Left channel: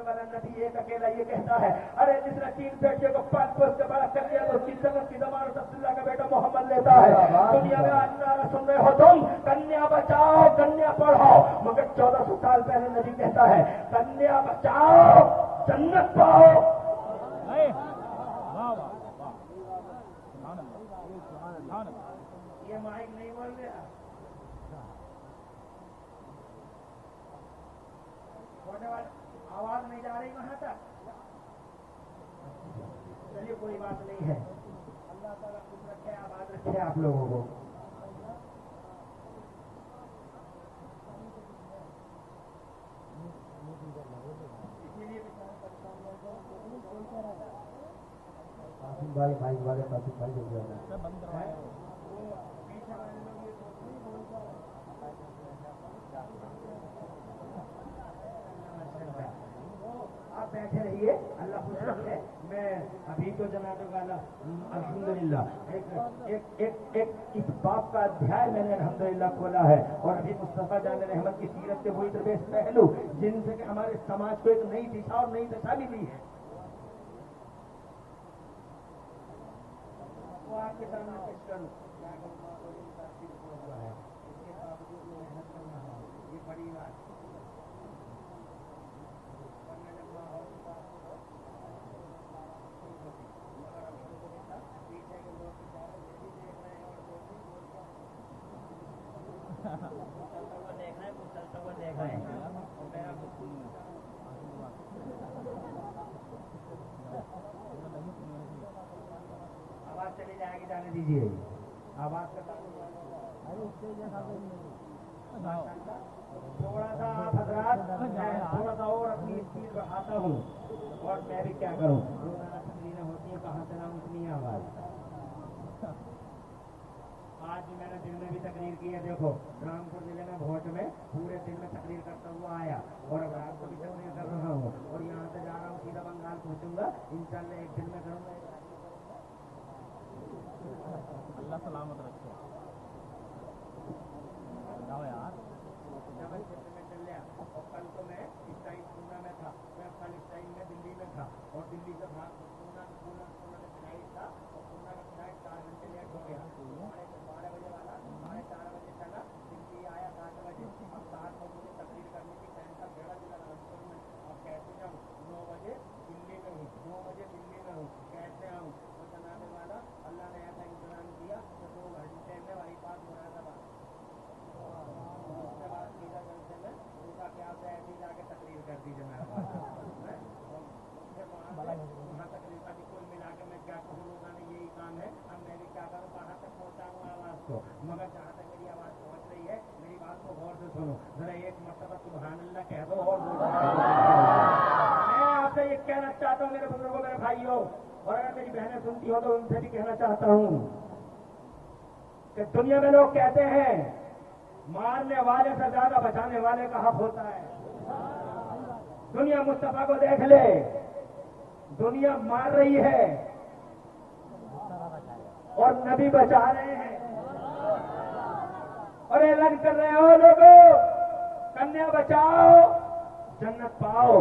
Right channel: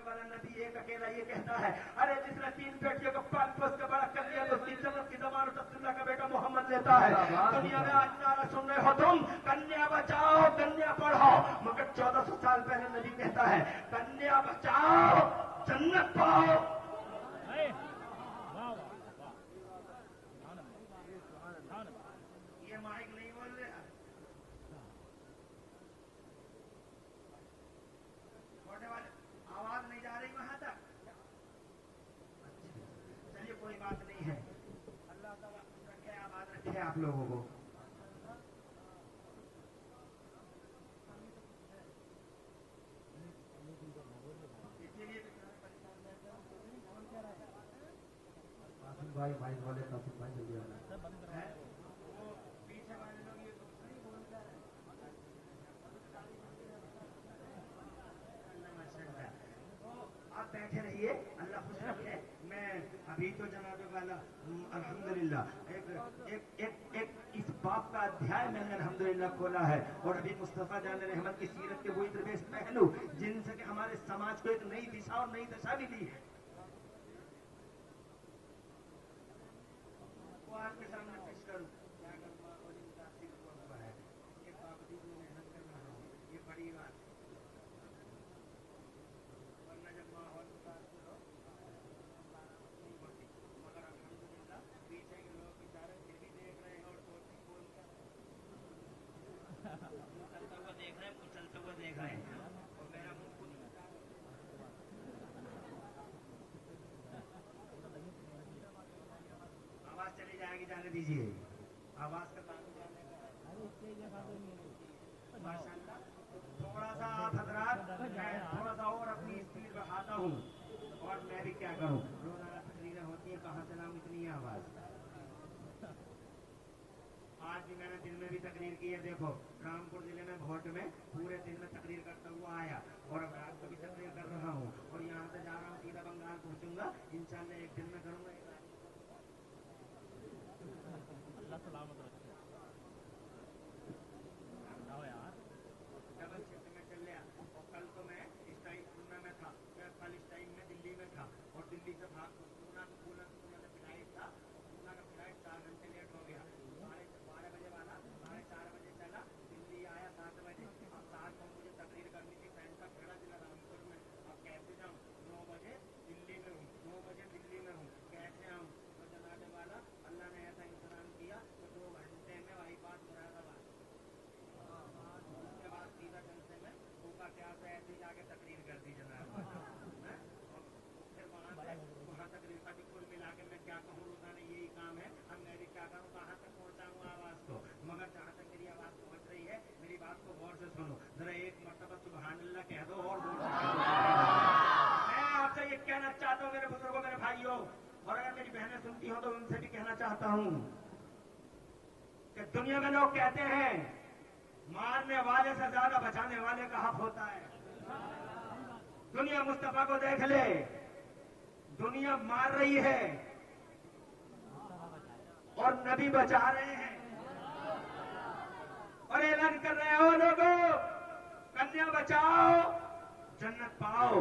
वाला नबी एक अकेला ये कहता है, अरे जिसने 3 बेटियों को पाल पोस के बड़ा कर लिया तो उसकी जन्नत की जमानत अब्दुल्ला का बेटा मोहम्मद लेता है। दुनिया में आज नारा सुन रहे हो तुम, कन्या बचाओ कन्या पढ़ाओ, मगर 1400 साल पहले नबी कहता है कन्या बचाओ जन्नत पाओ। ये माइक नहीं बोल रहा, छोटे वाले आवाज नहीं जा रही वहां तक। चलिए कोई बात नहीं है, अल्लाह ताला खुश रखे आबाद रखे आप लोगों को। इसीलिए कासिम भाई माइक वाले कासिम भाई हो गया है वो पीछे वाले लोग ये सोच नहीं बोलते हैं। आप बैठे रहिए, अल्लाह खुश रखे। मैं अभी तो जनाब वाला अल्हम्दुलिल्लाह एक इस बाप का अध्याय मैंने अल्हम्दुलिल्लाह खोला है, और अभी मुस्तफा जान रहमत की सीरत के वही दरवेश पहलू जिनसे कि हमारे समाज को एक नई दिशा और नई दशा मिली है, वो आपके सामने पेश करूं। क्या हुआ है इसके बावजूद मेहनत कर रहा हूँ, ये बड़ी बात। आवाज चली जाएगी, जाने दीजिए। आवाज का थोड़ा सा आप हजरात, थोड़ा सा और अपनी स्पीड बढ़ाता हूँ, और मैं भी क्या करूँ, रोजाना तकरीरें होती है, कहाँ से लाऊं इतनी आवाज। आज भी मैंने दिन में भी तकरीर की है, देखो रामपुर जिले में भोट में पूरे दिन में तकरीर करता हुआ आया, और अब रात को भी तकरीर कर रहा हूँ, और यहाँ से जा रहा हूँ सीधा बंगाल पहुँचूंगा इंशाल्लाह, एक दिन में करूँगा। अल्लाह सलामत रखे यार। डबल शिफ्ट में चल गया, और कल तो मैं इस टाइम पुणे में था, मैं कल इस टाइम में दिल्ली में था, और दिल्ली से भाग पूना में फ्लाइट था, और पूना में फ्लाइट 4 घंटे लेट हो गया। 12 बजे वाला 4:30 बजे चला, दिल्ली आया 7 बजे, अब 7 बजे मुझे तकरीर करनी थी सेंटर खेड़ा जिला रामपुर में। अब कैसे जाऊँ, 9 बजे दिल्ली में हूँ, 9 बजे दिल्ली में हूँ, कैसे आऊँ? तो जनाब वाला अल्लाह ने ऐसा इंतजाम किया तो 2 घंटे में वही बात मुरादाबाद, उसके बाद सीधा जलसे में उनका क्या से ऐसी जाके तकरीर कर दी जनाब। फिर वहाँ तकरीर का भी कुल मिला के मैं क्या कहूँ, रोजाना यही काम है। अब मैं भी क्या करूँ, कहाँ तक पहुँचाऊँ आवाज को, मगर जहाँ तक मेरी आवाज पहुँच रही है, मेरी बात को गौर से सुनो जरा, एक मरतबा सुभान अल्लाह कह दो। और मैं आपसे ये कहना चाहता हूँ मेरे बुजुर्गों, मेरे भाइयों, और अगर मेरी बहनें सुनती हो तो उनसे भी कहना चाहता हूँ कि दुनिया में लोग कहते हैं मारने वाले से ज्यादा बचाने वाले का हक होता है। दुनिया मुस्तफा को देख ले, दुनिया मार रही है और नबी बचा रहे हैं, और ऐलान कर रहे हो लोगों, कन्या बचाओ जन्नत पाओ।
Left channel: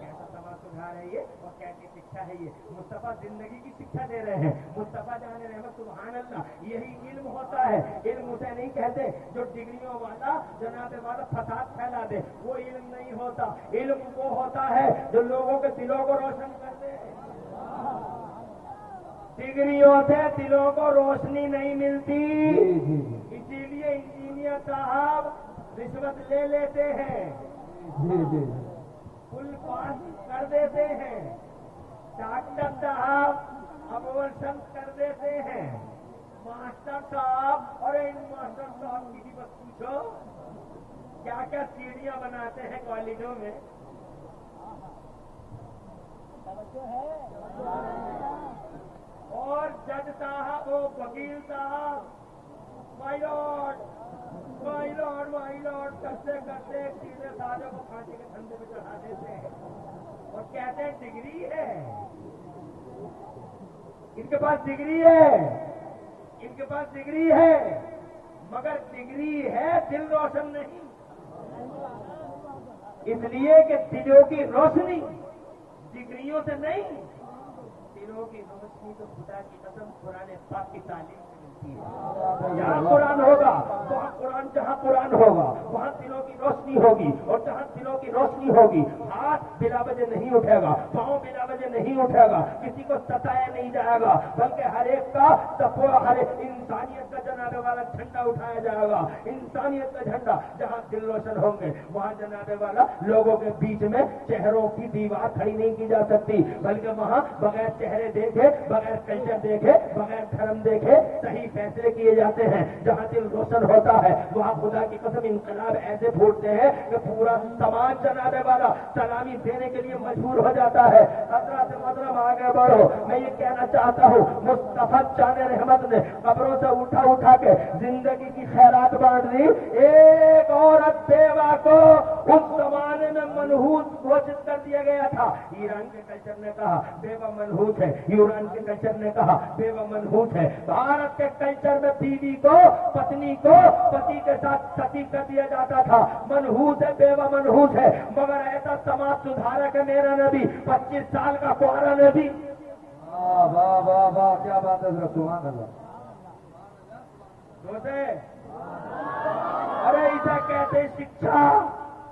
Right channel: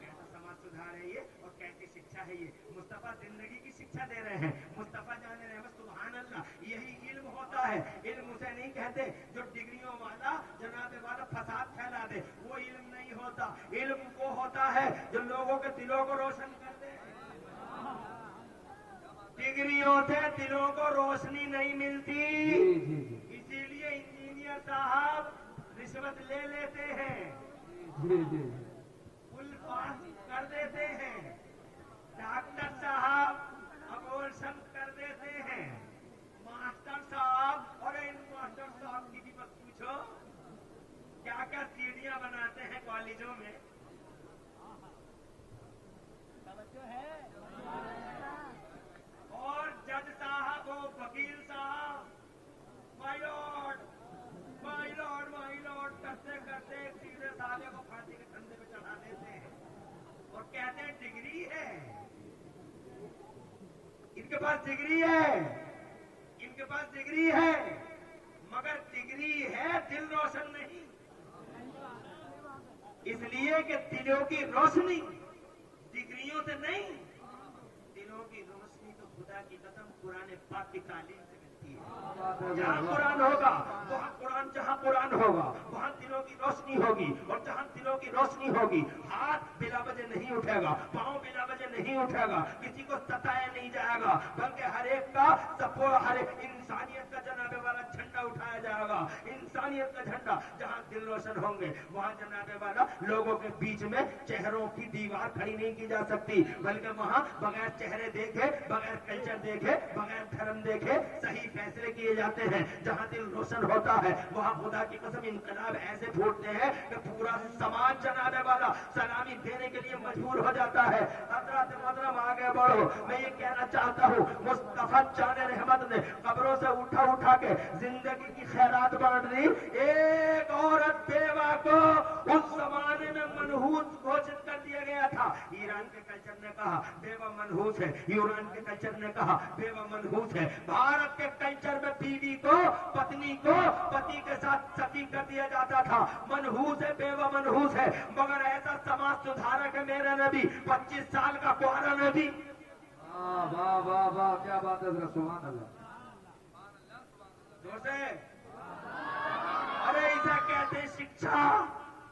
कैसा समाज सुधार है ये, और कैसी शिक्षा है ये। मुस्तफा जिंदगी की शिक्षा दे रहे हैं। मुस्तफा जान रहमत सुभान अल्लाह, यही इल्म होता है। इल्म उसे नहीं कहते जो डिग्रियों वाला जनाबे वाला फसाद फैला दे, वो इल्म नहीं होता। इल्म वो होता है जो लोगों के दिलों को रोशन कर दे। डिग्रियों से दिलों को रोशनी नहीं मिलती, इसीलिए इंजीनियर साहब रिश्वत ले लेते हैं, फुल पास कर देते हैं, डॉक्टर साहब अबॉर्शन कर देते हैं, मास्टर साहब, और इन मास्टर साहब की भी बस पूछो क्या क्या सीढ़ियां बनाते हैं कॉलेजों में। और जज साहब, वो वकील साहब, माय लॉर्ड करते करते सीधे साले को फांसी के धंधे पे चढ़ा देते हैं, और कहते हैं डिग्री है, इनके पास डिग्री है, इनके पास डिग्री है, मगर डिग्री है दिल रोशन नहीं। اس لیے کہ دلوں کی روشنی ڈگریوں سے نہیں، دلوں کی روشنی تو خدا کی قسم قرآن پاک کی تعلیم سے ملتی ہے۔ جہاں قرآن ہوگا وہاں قرآن، جہاں قرآن ہوگا وہاں دلوں کی روشنی ہوگی، اور جہاں دلوں کی روشنی ہوگی ہاتھ بلا وجہ نہیں اٹھے گا، پاؤں بلا وجہ نہیں اٹھے گا، کسی کو ستایا نہیں جائے گا، بلکہ ہر ایک کا ہر انسانیت کا جناب والا جھنڈا اٹھایا جائے گا۔ انسانیت کا جھنڈا، جہاں دل روشن ہوں گے وہاں جناب والا لوگوں کے بیچ میں چہروں کی دیوار کھڑی نہیں کی جا سکتی، بلکہ وہاں بغیر چہرے دیکھے، بغیر کلچر دیکھے، بغیر دھرم دیکھے صحیح فیصلے کیے جاتے ہیں۔ جہاں دل روشن ہوتا ہے وہاں خدا کی قسم انقلاب ایسے پھوٹتے ہیں کہ پورا سماج جناب والا سلامی دینے کے لیے مجبور ہو جاتا ہے۔ حضرات محترم آگے بڑھو، میں یہ کہنا چاہتا ہوں مصطفیٰ جان رحمت نے قبروں سے اٹھا کے زندگی کی خیرات بانٹ دی۔ ایک عورت بیوہ کو اس زمانے میں منحوس گھوشت کر دیا گیا تھا۔ ایران کے کلچر نے کہا بیوہ منحوس ہے، یونان کے کلچر نے کہا بیوہ منحوس ہے۔ بھارت کے کلچر میں بیوی کو، پتنی کو پتی کے ساتھ ستی کر دیا جاتا تھا۔ منحوس ہے، بیوہ منحوس ہے، مگر ایسا سماج سدھارک ہے میرا نبی، 25 سال کا کوارا نبی۔ واہ واہ واہ، کیا بات ہے حضرت، سبحان اللہ۔ ارے اسے کہتے ہیں شکشا،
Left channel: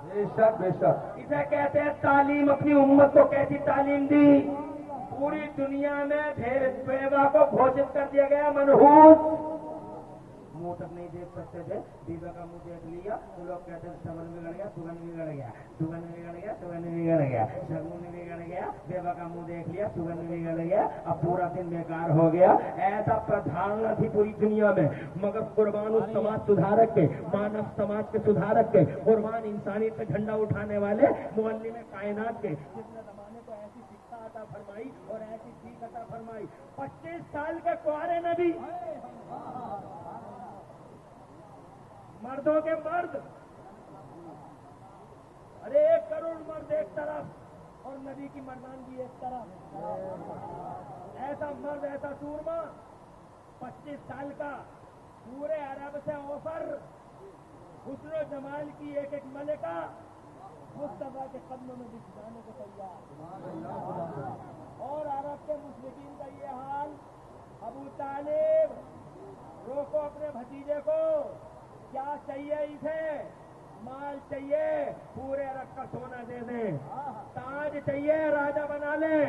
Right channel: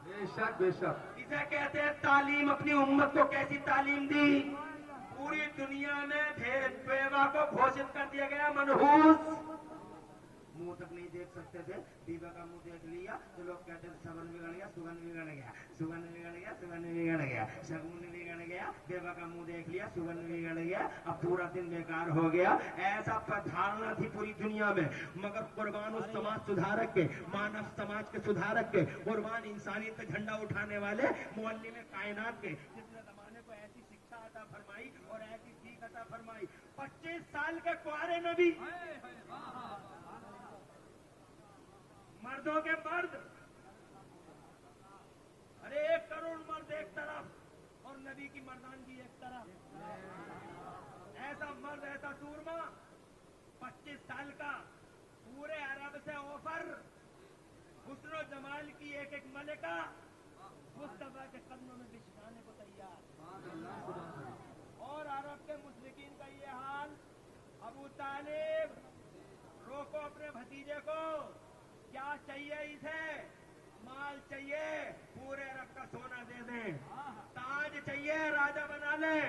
بے شک بے شک، اسے کہتے ہیں تعلیم۔ اپنی امت کو کیسی تعلیم دی؟ پوری دنیا میں بیوہ کو گھوشت کر دیا گیا منحوس، منہ تک نہیں دیکھ سکتے تھے، بیوہ کا منہ دیکھ لیا تو لوگ کہتے ہیں سگن بگڑ گیا، سگن بگڑ گیا، سگن بگڑ گیا، سگن بگڑ گیا، شگن بگڑ گیا، بیوہ کا منہ دیکھ لیا، سگن بگڑ گیا، اب پورا دن بیکار ہو گیا۔ ایسا پردھارنا تھی پوری دنیا میں، مگر قربان اس سماج سدھارک کے، مانو سماج کے سدھارک کے، قربان انسانیت کا جھنڈا اٹھانے والے معلم کائنات کے، جس نے زمانے کو ایسی شکشا عطا فرمائی اور ایسی سیکھ عطا فرمائی۔ 25 سال کے کوارے نبی، مردوں کے مرد، ارے 1 کروڑ مرد ایک طرف اور نبی کی مردانگی ایک طرف، ایسا مرد، ایسا سورما، 25 سال کا، پورے عرب سے اوفر، حسن و جمال کی ایک ایک ملکہ مصطفیٰ کے قدموں میں بچھانے کو تیار، اور عرب کے مشرکین کا یہ حال۔ ابو طالب، روکو اپنے بھتیجے کو، کیا چاہیے اسے؟ مال چاہیے، پورے عرب کا سونا دے دیں، تاج چاہیے، راجا بنا لیں،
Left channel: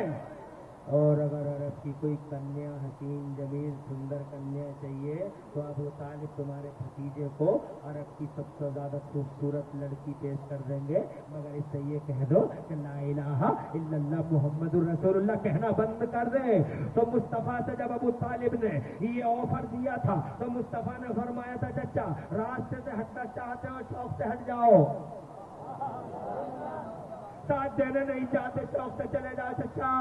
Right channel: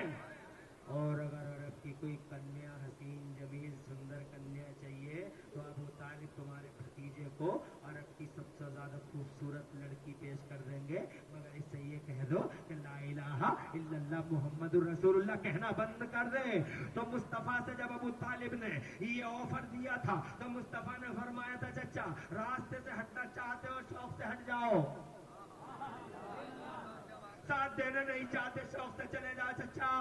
اور اگر عرب کی کوئی کنیا حسین جمیل سندر کنیا چاہیے تو ابو طالب تمہارے بھتیجے کو عرب کی سب سے زیادہ خوبصورت لڑکی پیش کر دیں گے، مگر اس سے یہ کہہ دو کہ لا الہ الا اللہ محمد الرسول اللہ کہنا بند کر دیں۔ تو مصطفیٰ سے جب ابو طالب نے یہ آفر دیا تھا تو مصطفیٰ نے فرمایا تھا چچا راستے سے ہٹنا چاہتے ہو شوق سے ہٹ جاؤ، ساتھ دینا نہیں چاہتے شوق سے چلے جاؤ چچا،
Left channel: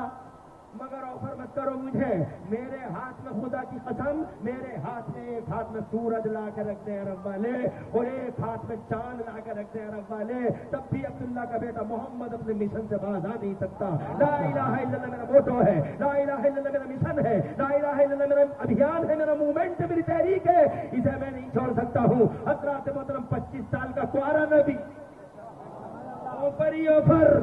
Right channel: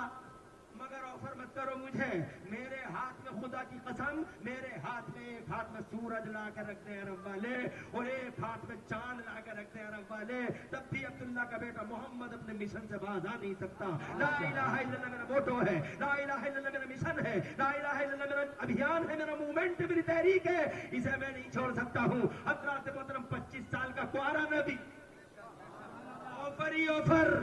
مگر آفر مت کرو مجھے، میرے ہاتھ میں خدا کی قسم، میرے ہاتھ میں ایک ہاتھ میں سورج لا کر رکھ دے عرب والے اور ایک ہاتھ میں چاند لا کر رکھ دے عرب والے، تب بھی عبداللہ کا بیٹا محمد اپنے مشن سے باز آ نہیں سکتا۔ لا الہ الا اللہ میرا موٹو ہے، لا الہ الا اللہ میرا مشن ہے، لا الہ الا اللہ میرا ابھیان ہے، میرا موومنٹ ہے، میری تحریک ہے، اسے میں نہیں چھوڑ سکتا ہوں۔ حضرات محترم 25 سال کا کوارا نبی، آفر ہی آفر،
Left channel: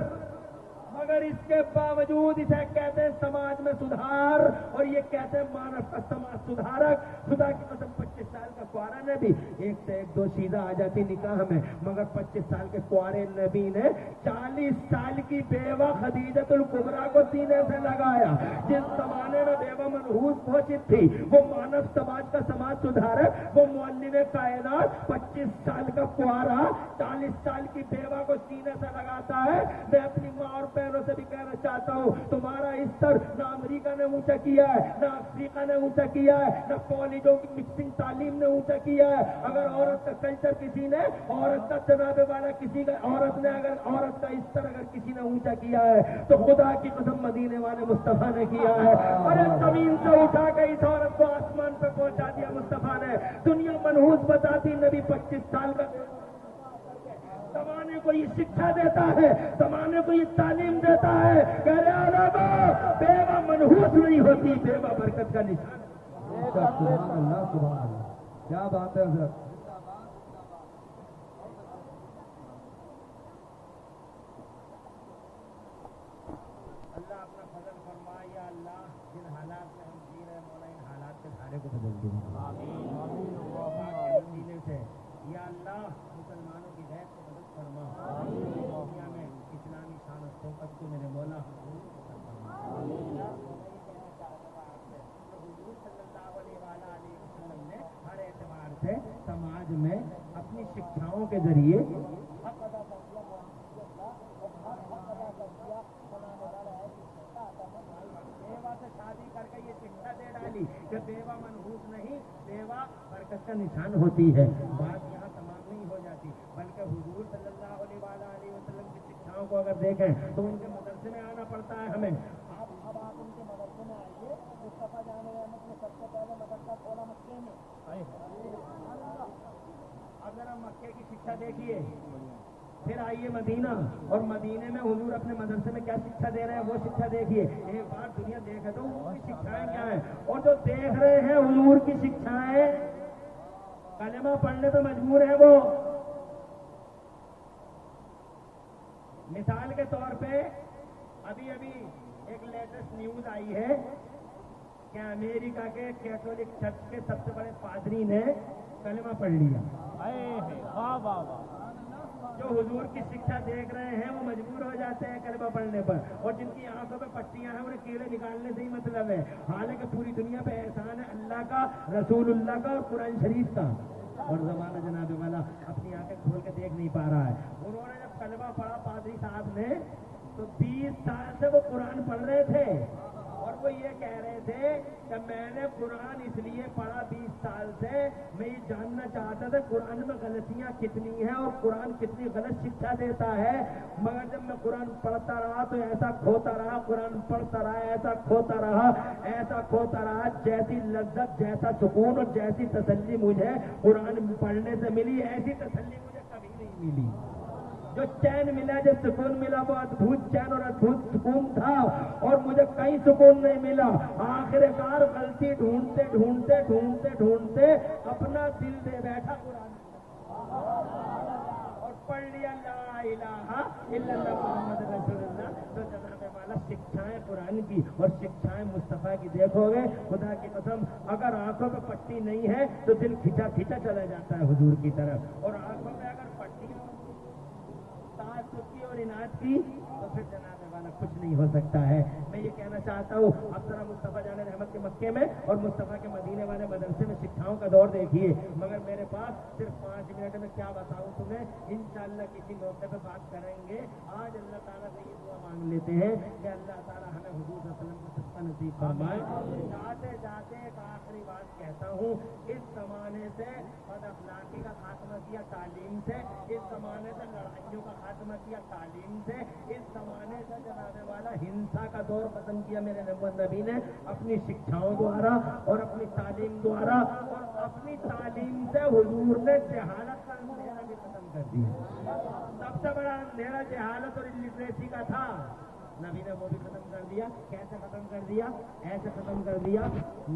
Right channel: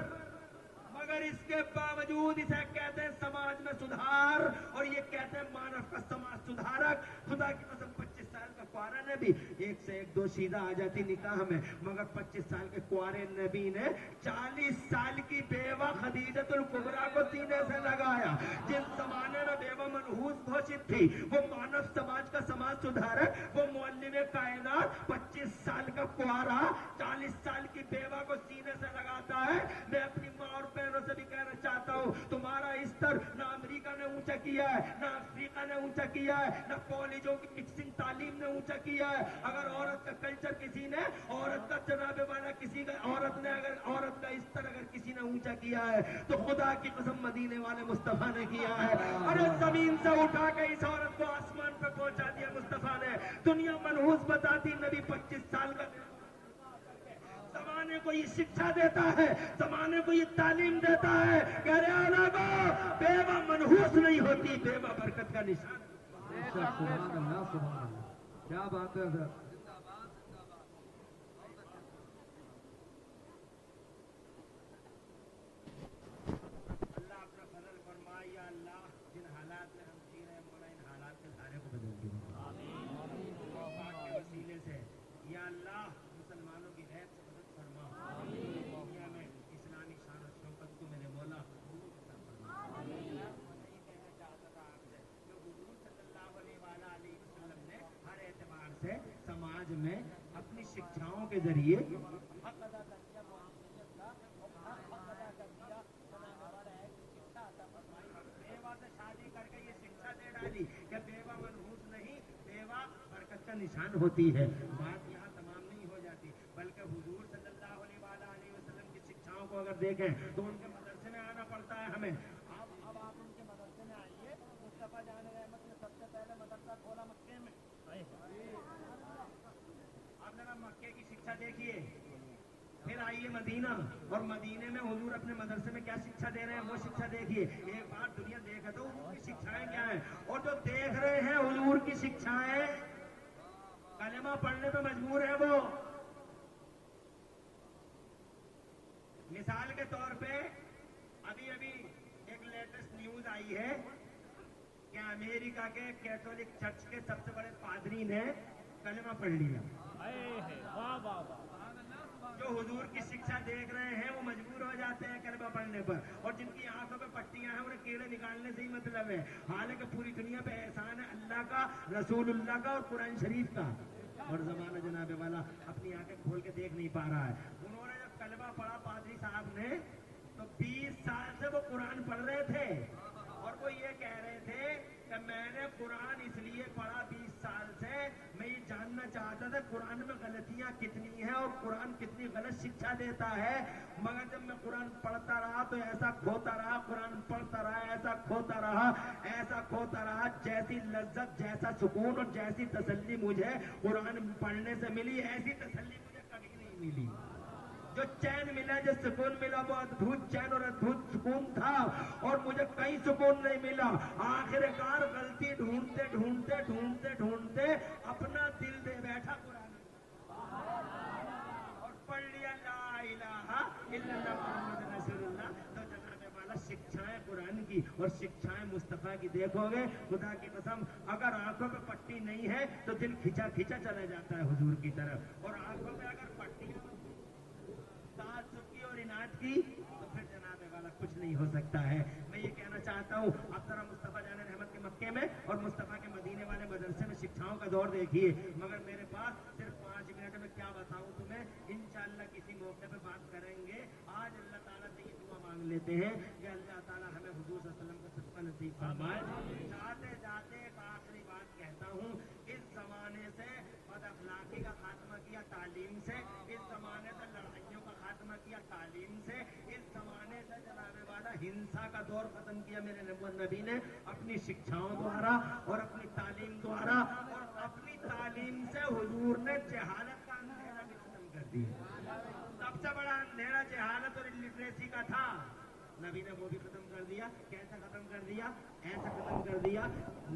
مگر اس کے باوجود اسے کہتے ہیں سماج میں سدھار، اور یہ کہتے ہیں مانو کا سماج سدھارک۔ خدا کی قسم 25 سال کا کوارا نبی، ایک سے ایک دو شیدہ آ جاتی نکاح میں، مگر 25 سال کے کوارے نبی نے 40 سال کی بیوہ خدیجۃ الکبریٰ کو سینے سے لگایا۔ جس زمانے میں بیوہ منحوس گھوشت تھی، وہ مانو سماج کا سماج سدھارک، وہ معلم کائنات، 25 سال کا کوارا 40 سال کی بیوہ کو سینے سے لگاتا ہے۔ میں اپنی ماں اور پیروں سے بھی کہنا چاہتا ہوں تمہارا استر نہ امریکہ نے اونچا کیا ہے، نہ افریقہ نے اونچا کیا ہے، نہ کالجوں کی مکسنگ تعلیم نے اونچا کیا ہے۔ اگر عورت کا کلچر کسی نے، عورت کا جناب والا کسی کا، عورت نے اگر عورت کا استر اگر کسی نے اونچا کیا ہے تو خدا کی قسم مدینے والے مصطفیٰ نے کیا ہے۔ ارے زمین سے اٹھا کے اس عورت کو آسمان پہ پہنچا دیا مصطفیٰ نے۔ دنیا منحوس بتاتی نبی 25 سال کا زمانے کو یہ شکشا دیتا ہے، زمانے کو یہ تعلیم دیتا ہے کہ ارے علماء بیوہ منحوس نہیں ہوتی، بیوہ برکت کا نشان ہے۔ سبحان اللہ سبحان اللہ، کیا بات ہے حضرت۔ सारे को बदल दूंगा वसीले से। या अल्लाह मुसलमानों की गैर को मदद फरमा, दुनिया में इस्लामी शान और शौकत को मेरे मौला ने हर एतबार से समाज में अपनी शिक्षाओं के जरिए हक अदा कर दिया, मौलियत का और हक अदा कर दिया बनाने वाला है कि शिक्षा अता फरमाई। बेवा से शादी करके ये शिक्षा दे डाली कि बेवा मनहूस नहीं, बेवा बरकत का निशान होती है। बात यहाँ तमाम नहीं हो जाती, बल्कि हुजूर सल्लल्लाहु अलैहि वसल्लम की शिक्षाओं को अगर देखें तो उनके मदरसे में आना पड़ता है हमें। अब आप उनके मदरसे में आइए। मुस्तफा जान रहमत ने सबसे पहले मदरसा खोला मक्के में। अब जरा मक्के की शिक्षा देखिए, फिर आइए मदीना, और मदीने में हुजूर अपने मदरसे में क्या शिक्षा दे रहे हैं वो शिक्षा देखिए। एक बार दुनिया देखे तो हुजूर की शिक्षाएं क्या है, और जो देख रहे हैं हुजूर की शिक्षाएं कलमा पढ़ने पे मजबूर है वो। मिसाल के तौर पे अभी अभी एक लेटेस्ट न्यूज आई है कि अमेरिका के कैथोलिक चर्च के सबसे बड़े पादरी ने कलमा पढ़ लिया। जो हुजूर की शिक्षा देख रहे हैं वो मजबूर हो जाते हैं कलमा पढ़ने पर, और जिनकी आंखों पे पट्टियां हैं उन्हें कीड़े निकालने से ही मतलब है। हालांकि पूरी दुनिया पे एहसान है अल्लाह का, रसूलुल्लाह का और कुरान शरीफ का, और जमाना जनाबे वाला अपनी आंखें खोल के देख नहीं पा रहा है। उन्होंने जब कलमा पढ़ा पादरी साहब ने तो 20 साल से वो कुरान पढ़ रहे थे, और वो ये कह रहे थे कि मैंने कुरान इसलिए पढ़ा 20 साल से, मैं ये जानना चाहता था कुरान में गलतियां कितनी हैं और कुरान कितनी गलत शिक्षा देता है। मगर जब मैं कुरान पढ़ता रहा तो ऐसा खोता रहा, कुरान पढ़ता रहा ऐसा खोता रहा, ऐसा खोता रहा, जैसी लज्जत, जैसा सुकून और जैसी तसल्ली मुझे कुरान पढ़ने से मिली, ऐसी तसल्ली मुझे कभी नहीं मिली। जो चैन मिला, जो सुकून मिला, वो अद्भुत चैन और अद्भुत सुकून था, और मुझे कहीं सुकून नहीं मिला। आखिरकार गलती ढूंढते ढूंढते ढूंढते ढूंढते अपना दिल दे बैठा कुरान और पढ़ लिया ला इलाहा इल्लल्लाह मुहम्मद रसूलुल्लाह। तो जनाबे वाला शिक्षाएं कुरान की और शिक्षाएं मुस्तफा की देखोगे, खुदा की कसम अगर आंखों पे पट्टी नहीं है तो दिल खिंचा खिंचा चला जाता है हुजूर की तरफ, और आंखों पे अगर पट्टी ताज्जुब और इनात की तो फिर जनाबे वाला कुछ नहीं हो सकता है। मैं ये कहना चाहता हूँ, अब जरा मुस्तफा जाने रहमत के मक्के में और मुस्तफा के मदीने वाले मदरसे में शिक्षाओं का दौर देखिए। मगर मेरे पास सिर्फ 5 मिनट में क्या बताऊँ तुम्हें, इंशाअल्लाह किसी मौके पे बात करेंगे। आज अल्लाह ताला से ये दुआ मांग लेते हैं कि अल्लाह ताला हमें हुजूर सल्लल्लाहु अलैहि वसल्लम को सच्चा नसीब फरमाए। जाते जाते एक आखिरी बात कहता हूँ, इस जमाने से बदअखलाकी का खात्मा किया तालीम से, इस जमाने से लड़ाइयों का खात्मा किया तालीम से, इस जमाने से जनाबे वाला हिंसा का दौर खत्म किया मेरे नबी ने अपनी शिक्षाओं द्वारा और अपनी तालीम द्वारा, और अपनी तालीम से हुजूर ने जहालत का अंधेरा भी खत्म कर दिया। सबसे बड़ा अंधेरा जहालत और इलिटरेसी का था, नबी ने वो भी खत्म कर दिया। कैसे खत्म कर दिया? ऐसे खत्म कर दिया,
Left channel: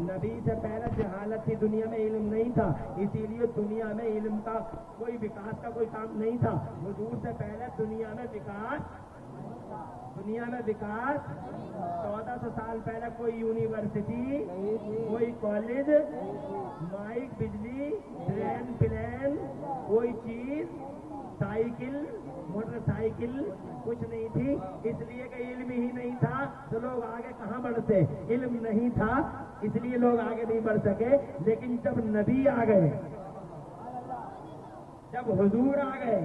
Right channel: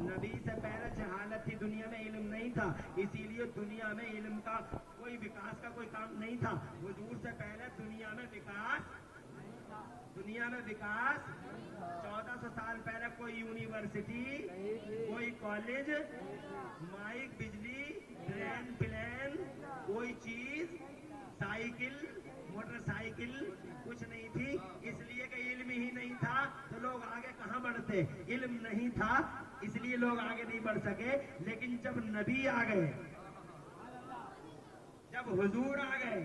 नबी से पहले जहालत थी, दुनिया में इल्म नहीं था, इसीलिए दुनिया में इल्म का कोई विकास का कोई काम नहीं था। हुजूर से पहले दुनिया में विकास 1400 साल पहले कोई यूनिवर्सिटी, कोई कॉलेज, माइक, बिजली, ट्रेन, प्लेन, कोई चीज, साइकिल, मोटरसाइकिल कुछ नहीं थी, इसलिए कि इल्म ही नहीं था तो लोग आगे कहाँ बढ़ते। इल्म नहीं था इसलिए लोग आगे नहीं बढ़ सके। लेकिन जब नबी आ गए, जब हुजूर आ गए,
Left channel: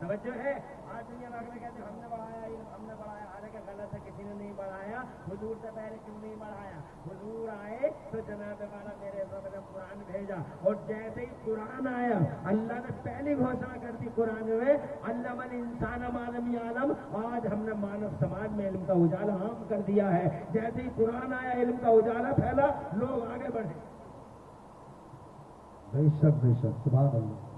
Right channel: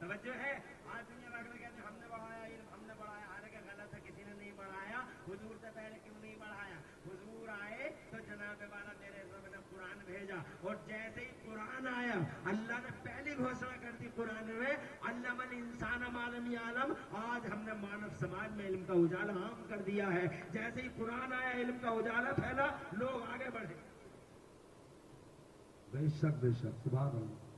समझो है। आज दुनिया भर में कहते हमने बढ़ाया इल्म, हमने बढ़ाया, हालांकि गलत है, किसी ने नहीं बढ़ाया। हुजूर से पहले क्यों नहीं बढ़ाया? हुजूर आए तो जनाबे वाला मेरे रब ने कुरान भेजा, और जैसे ही कुरान आया अल्लाह ने पहली घोषणा कर दी कुरान में, अल्लमल इंसान मा लम यालम। आज हमने मानव समाज में इल्म का उजाला आम कर दिया है। जैसे ही कुरान आया इल्म का उजाला फैला, लोग आगे बढ़े। बेशक बेशक, सुभान अल्लाह।